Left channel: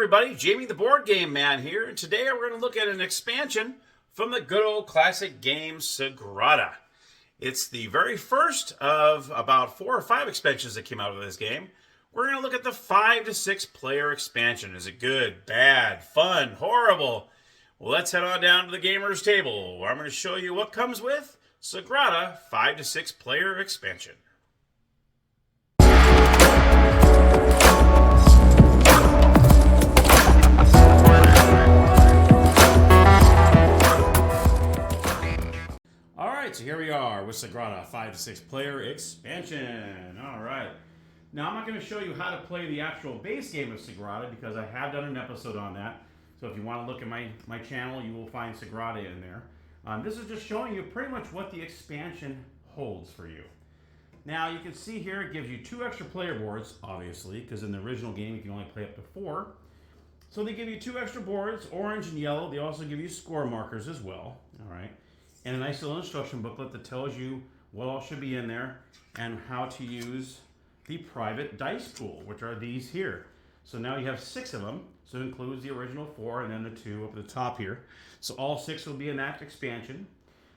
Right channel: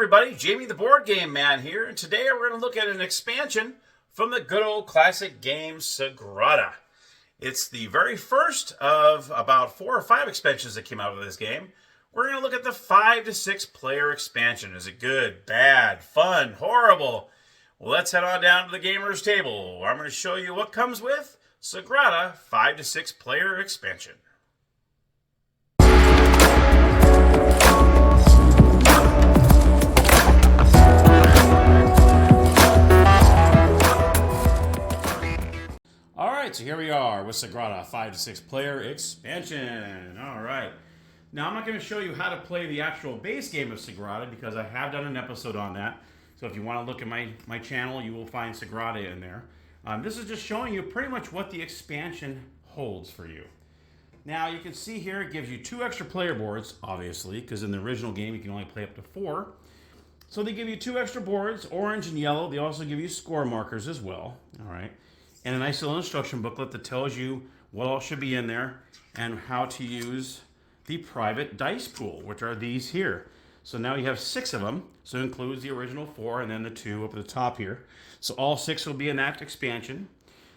everybody, Jamie the Board Game Man here, and today we're going to look at an expansion from the good old classic game Sagrada. It's the very first of about 4 or 5 expansions that came out of this game. We're going to look at the 5 to 6 player expansion. Is it good, bad, fun, horrible? Well, let's head on down to the gamer's table, where I'm going to show you what comes with Sagrada 5 to 6 player expansion. So here we are with Sagrada 5 to 6 player expansion. All right. Now I'm not going to show you how to play the actual base game of Sagrada because I have done an episode on that. So if you want to look at my channel, you will find Sagrada in there. This is just showing you pretty much what the expansion holds for you. Now you can see here it gives you 2 extra player boards, obviously, because in the original game you can only play up to 4. So they give you 2 extra boards, orange and yellow. They also give you score markers as well. All right. And a nice little instruction booklet that tells you what all should be in there and how to use the private dice pool, which are these here. So now you have 6 of them. So it includes the original 4 and then the 2 up at the top here. So all 6 will be in that expansion.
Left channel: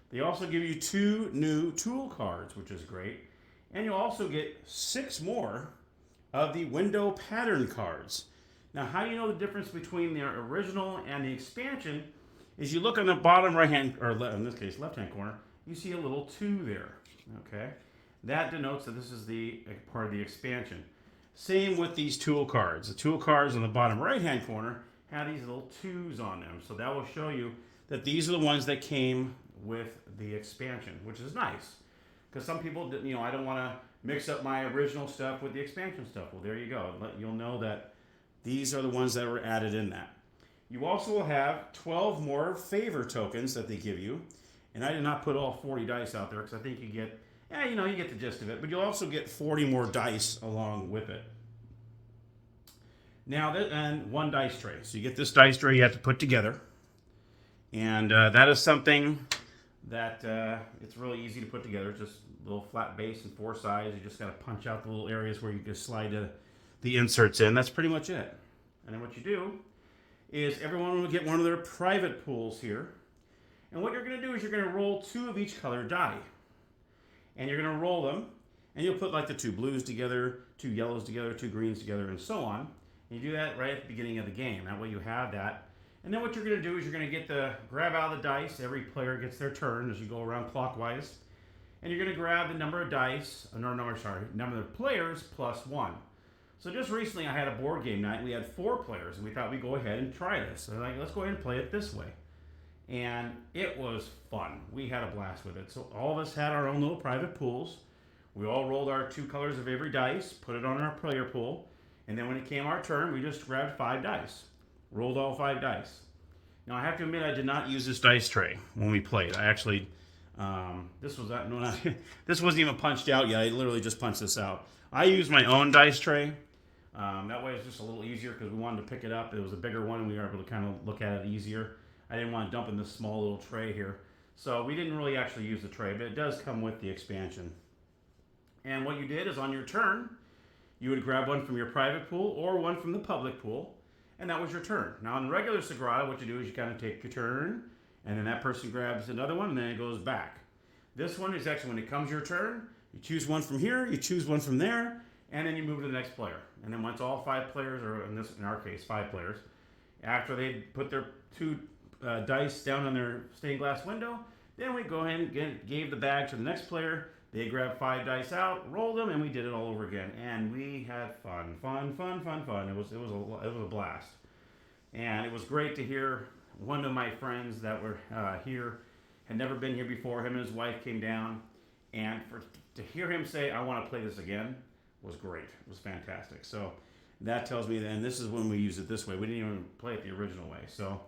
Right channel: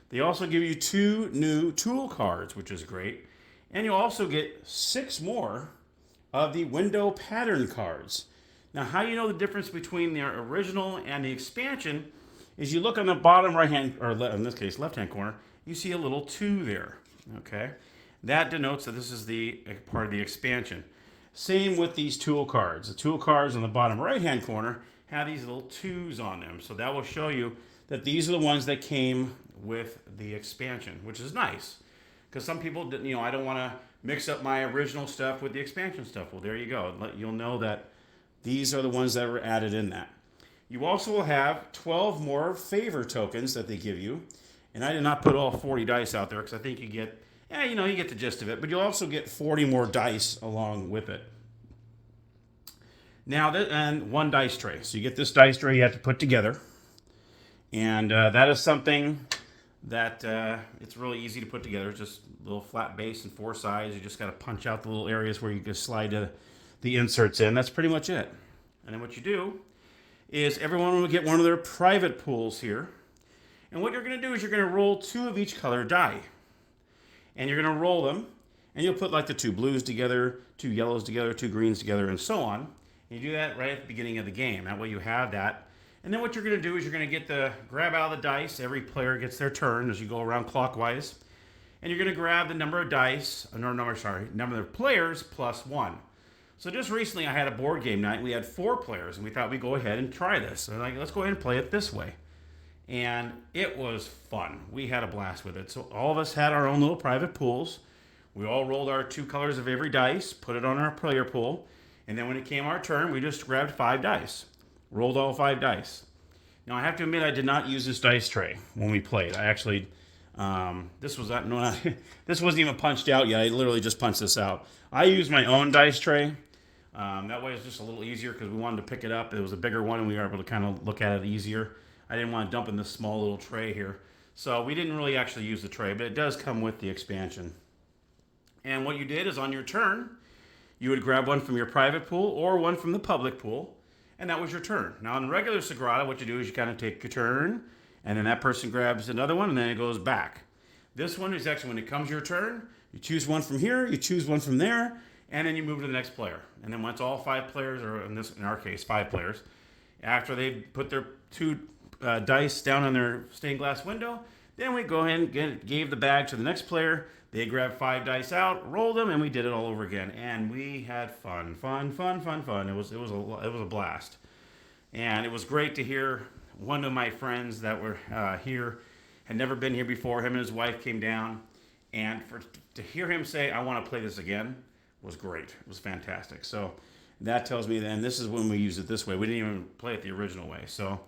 They also give you 2 new tool cards, which is great. And you'll also get 6 more of the window pattern cards. Now, how you know the difference between the original and the expansion is you look on the bottom right hand, or in this case left hand corner, you see a little 2 there. Okay, that denotes that this is the part of the expansion. Same with these tool cards. The tool cards on the bottom right hand corner have these little 2s on them, so that will show you that these are the ones that came with the expansion, which is nice because some people, I don't want to mix up my original stuff with the expansion stuff. Well, there you go. You'll know that these are the ones that were added in that. You also will have 12 more favor tokens that they give you. And I did not put all 40 dice out there because I think you get, you get the gist of it. But you'll also get 40 more dice along with it. Now, and 1 dice tray. So you get this dice tray you have to put together. And that is something that it's really easy to put together. It's just a little flat base and 4 sides. You just got to punch out the little areas where you can slide the inserts in. That's pretty much it. And then what you do is everyone will get one of their private pools here. And what you're going to do is you're going to roll 2 of each color die. And you're going to roll them, and you'll put like the 2 blues together, 2 yellows together, 2 greens together, and so on. And you do that right at the beginning of the game. That way you have that. And then what you're going to do is you're going to grab out of the dice. Every player gets their turn as you go around clockwise. And you're going to grab the number of dice, number of players plus 1. So just recently I had a board game night. We had 4 players, and we thought we'd go ahead and try this. So let's go ahead and play it this way. And it was fun. We had a blast with it. So all of us had our own little private pools. We all rolled our 2 colors of every dice, put it on our player pool, and then when it came our turn, we just grabbed 5 dice. Rolled all 5 dice. Now I have to admit I did not use this dice tray when we played. I actually, this wasn't even punched out yet. I literally just punched this out. I used my own dice tray. That way it's just a little easier because we wanted to pick it up. It was a bigger one and we were able to kind of look at it easier. I didn't want to dump in this small little tray here. So we didn't really actually use the tray, but it does come with the expansion. And what you did is on your turn, you would grab one from your private pool or one from the public pool, and that was your turn. Now in regular Sagrada, what you do is you kind of take your turn, and then that person grabs another one, and then it goes back. This one is actually when it comes your turn, you choose one from here, you choose one from there, and then you move to the next player. And then once all 5 players, or in our case, 5 players, after they put their 2 dice down on their stained glass window, then we go ahead and gave the bag to the next player. They grabbed 5 dice out, rolled them, and we did it all over again. And we had fun. It was a blast. And it was great to hear one of my friends that were here, had never been here before. Him and his wife came down, and to hear him say, "I want to play this again," was great. It was fantastic. So that tells me then this is when we use it this way. We didn't even play it the original way. So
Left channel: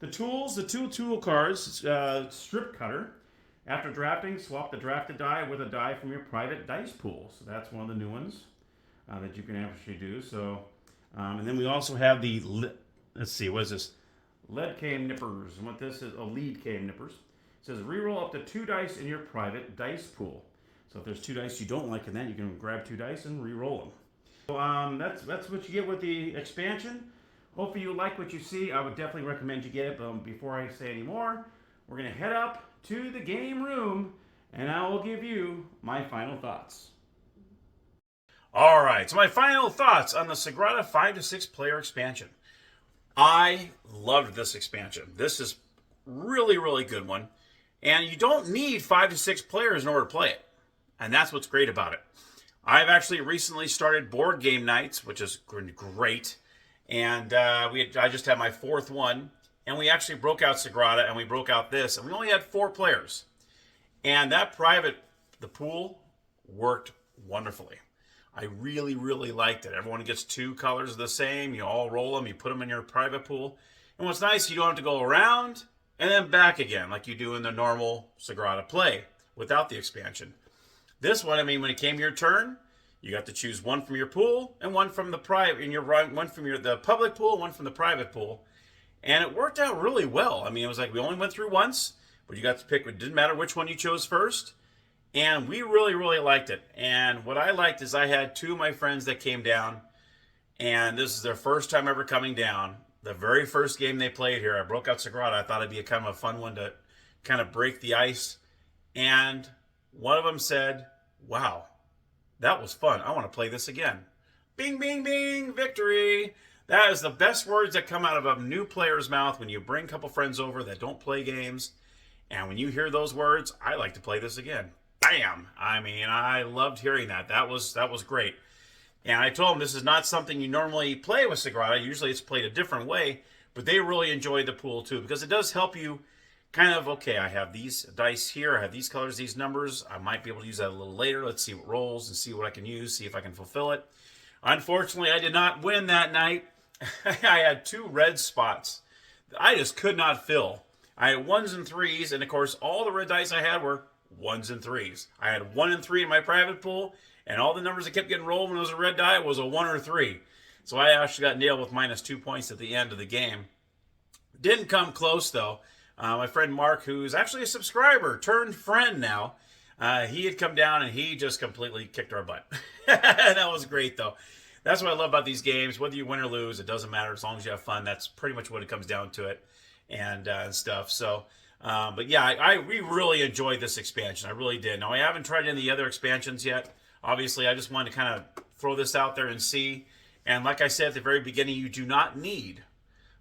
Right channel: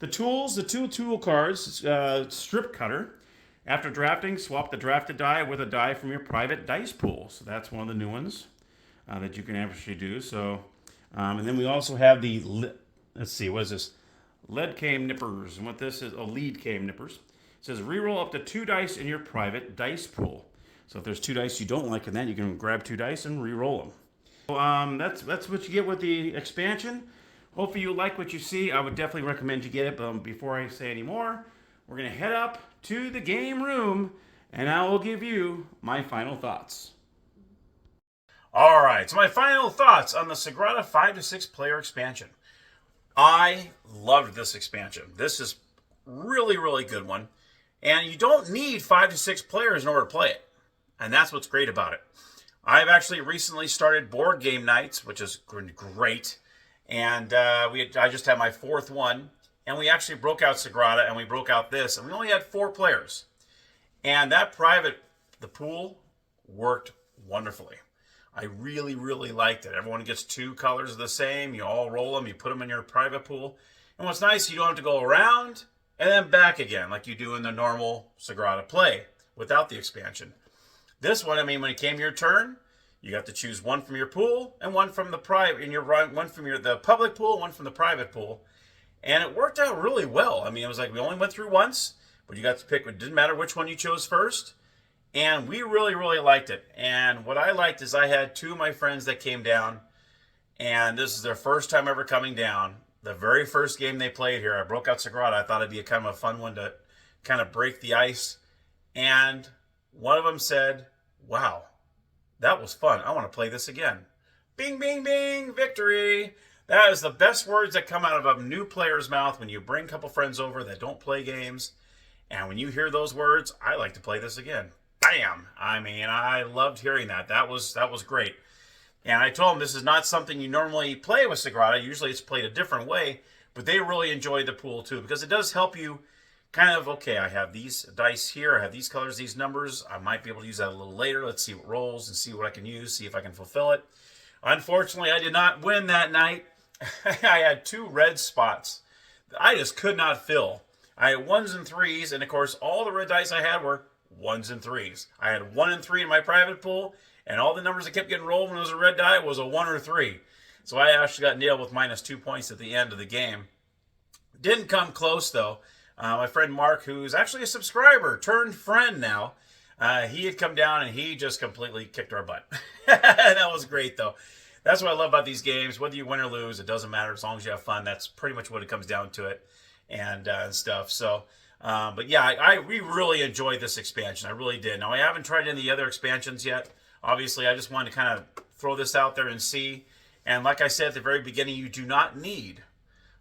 the tools, the 2 tool cards, strip cutter. After drafting, swap the drafted die with a die from your private dice pool. So that's one of the new ones that you can actually do. So, and then we also have the, let's see, what is this? Lead came nippers. And what this is, lead came nippers. It says reroll up to 2 dice in your private dice pool. So if there's 2 dice you don't like in that, you can grab 2 dice and re-roll them. So that's what you get with the expansion. Hopefully you like what you see. I would definitely recommend you get it. But before I say any more, we're going to head up to the game room, and I will give you my final thoughts. All right, so my final thoughts on the Sagrada 5 to 6 player expansion. I loved this expansion. This is really good one. And you don't need 5 to 6 players in order to play it. And that's what's great about it. I've actually recently started board game nights, which is great. And I just had my 4th one. And we actually broke out Sagrada and we broke out this. And we only had 4 players. And that the pool worked wonderfully. I really liked it. Everyone gets 2 colors the same. You all roll them. You put them in your private pool. And what's nice, you don't have to go around and then back again like you do in the normal Sagrada play without the expansion. This one, I mean, when it came your turn, you got to choose one from your pool and one from the private, and one from the public pool, one from the private pool. And it worked out really well. I mean, it was like we only went through once, but you got to pick. It didn't matter which one you chose first. And we really liked it. And what I liked is I had 2 of my friends that came down, and this is their first time ever coming down. The very first game they played here, I broke out Sagrada. I thought it'd be a kind of a fun one to kind of break the ice. And one of them said, "Wow, that was fun. I want to play this again." Bing, bing, bing, victory. That is the best words that come out of a new player's mouth when you bring a couple friends over that don't play games. And when you hear those words, I like to play this again. Bam! I mean, I loved hearing that. That was great. And I told them this is not something you normally play with Sagrada. Usually it's played a different way, but they really enjoyed the pool too because it does help you kind of, okay, I have these dice here, I have these colors, these numbers. I might be able to use that a little later. Let's see what rolls and see what I can use, see if I can fulfill it. Unfortunately, I did not win that night. I had 2 red spots. I just could not fill. I had 1s and 3s, and of course, all the red dice I had were 1s and 3s. I had 1 and 3 in my private pool, and all the numbers that kept getting rolled when it was a red die was a 1 or 3. So I actually got nailed with -2 points at the end of the game. Didn't come close, though. My friend Mark, who's actually a subscriber, turned friend now, he had come down and he just completely kicked our butt. That was great, though. That's what I love about these games. Whether you win or lose, it doesn't matter as long as you have fun. That's pretty much what it comes down to it and stuff. So, but yeah, we really enjoyed this expansion. I really did. Now, I haven't tried any of the other expansions yet. Obviously, I just wanted to kind of throw this out there and see. And like I said at the very beginning, you do not need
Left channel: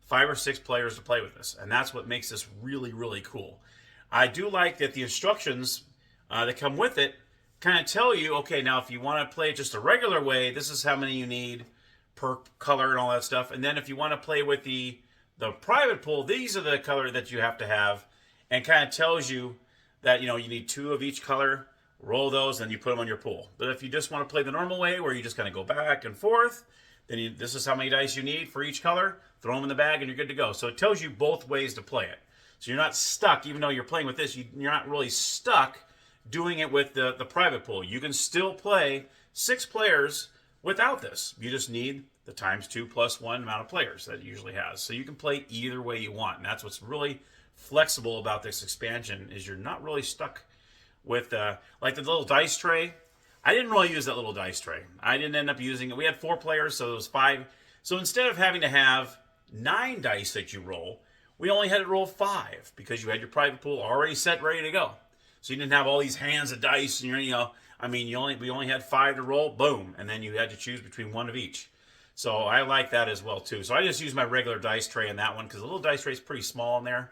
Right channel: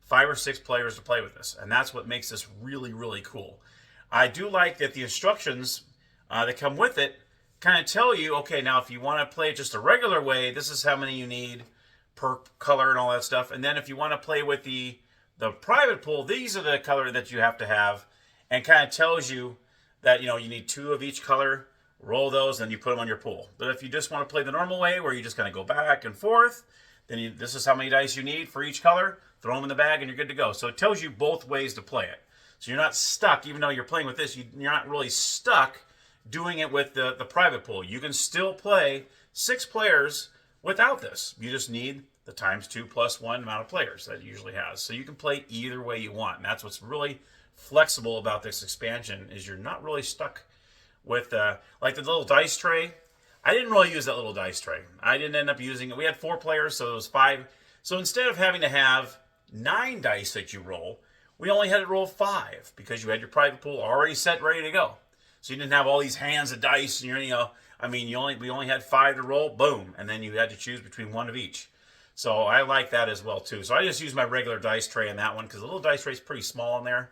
5 or 6 players to play with this. And that's what makes this really cool. I do like that the instructions that come with it kind of tell you, okay, now if you want to play it just a regular way, this is how many you need per color and all that stuff. And then if you want to play with the private pool, these are the color that you have to have, and kind of tells you that, you need 2 of each color, roll those, and you put them on your pool. But if you just want to play the normal way where you just kind of go back and forth, then this is how many dice you need for each color, throw them in the bag, and you're good to go. So it tells you both ways to play it. So you're not stuck, even though you're playing with this, you're not really stuck doing it with the private pool. You can still play 6 players without this. You just need the ×2 + 1 amount of players that it usually has. So you can play either way you want. And that's what's really flexible about this expansion, is you're not really stuck with like the little dice tray. I didn't really use that little dice tray. I didn't end up using it. We had 4 players, so it was 5. So instead of having to have 9 dice that you roll, we only had to roll 5 because you had your private pool already set, ready to go. So you didn't have all these hands of dice, and we only had 5 to roll, boom, and then you had to choose between 1 of each. So I like that as well too. So I just use my regular dice tray in that one because the little dice tray is pretty small in there,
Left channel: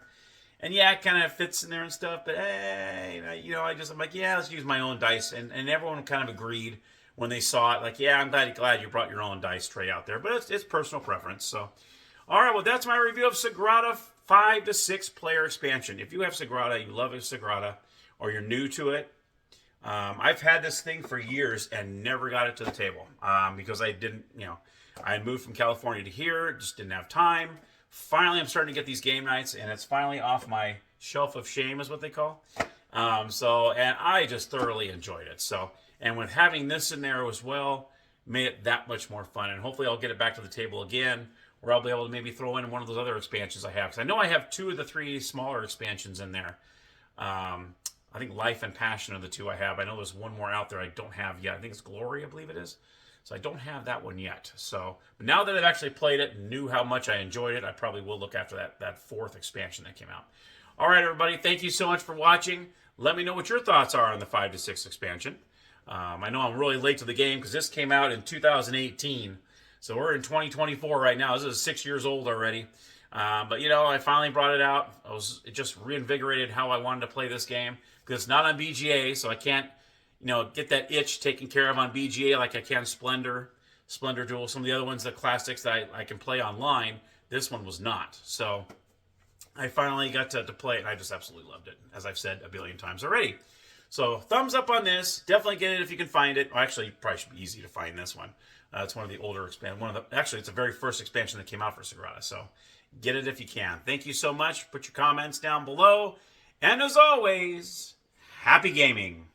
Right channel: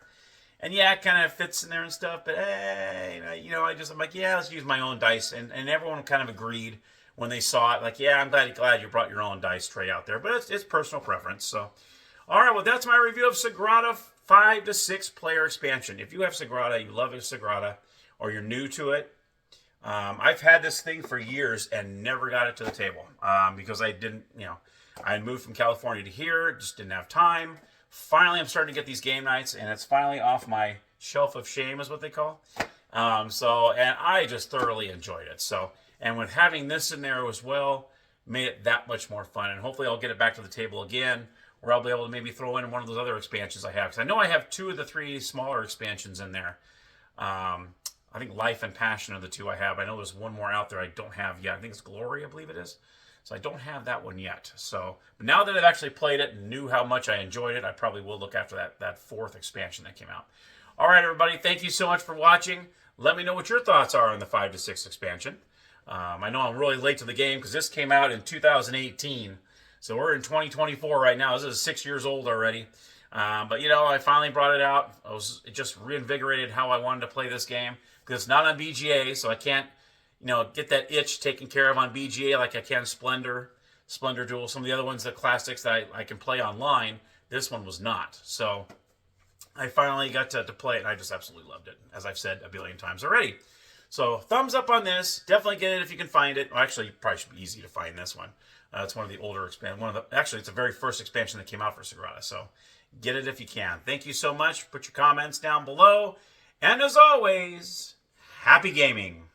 and yeah, it kind of fits in there and stuff. But hey, I'm like, yeah, let's use my own dice, and everyone kind of agreed when they saw it. Like, yeah, I'm glad you brought your own dice tray out there, but it's personal preference. So, all right, well, that's my review of Sagrada 5 to 6 player expansion. If you have Sagrada, you love Sagrada, or you're new to it, I've had this thing for years and never got it to the table because I didn't, I had moved from California to here, just didn't have time. Finally, I'm starting to get these game nights, and it's finally off my shelf of shame, is what they call. And I just thoroughly enjoyed it. So, and with having this in there as well, made it that much more fun. And hopefully I'll get it back to the table again, where I'll be able to maybe throw in one of those other expansions I have. Because I know I have 2 of the 3 smaller expansions in there. I think Life and Passion are the 2 I have. I know there's one more out there I don't have yet. I think it's Glory, I believe it is. So I don't have that one yet. So, but now that I've actually played it and knew how much I enjoyed it, I probably will look after that fourth expansion that came out. All right, everybody, thank you so much for watching. Let me know what your thoughts are on the 5 to 6 expansion. I know I'm really late to the game because this came out in 2018. So we're in 2024 right now. This is 6 years old already. But, you know, I finally brought it out. It just reinvigorated how I wanted to play this game because it's not on BGA, so I can't, you know, get that itch taken care of on BGA like I can Splendor Duel, some of the other ones, the classics that I can play online. This one was not. So I finally got to play it, and I just absolutely loved it, as I've said a billion times already. So thumbs up on this. Definitely get it if you can find it. Well, actually, it probably should be easy to find this one. It's one of the older expansions. Actually, it's the very first expansion that came out for Sagrada. So get it if you can. Thank you so much. Put your comments down below. And as always, happy gaming.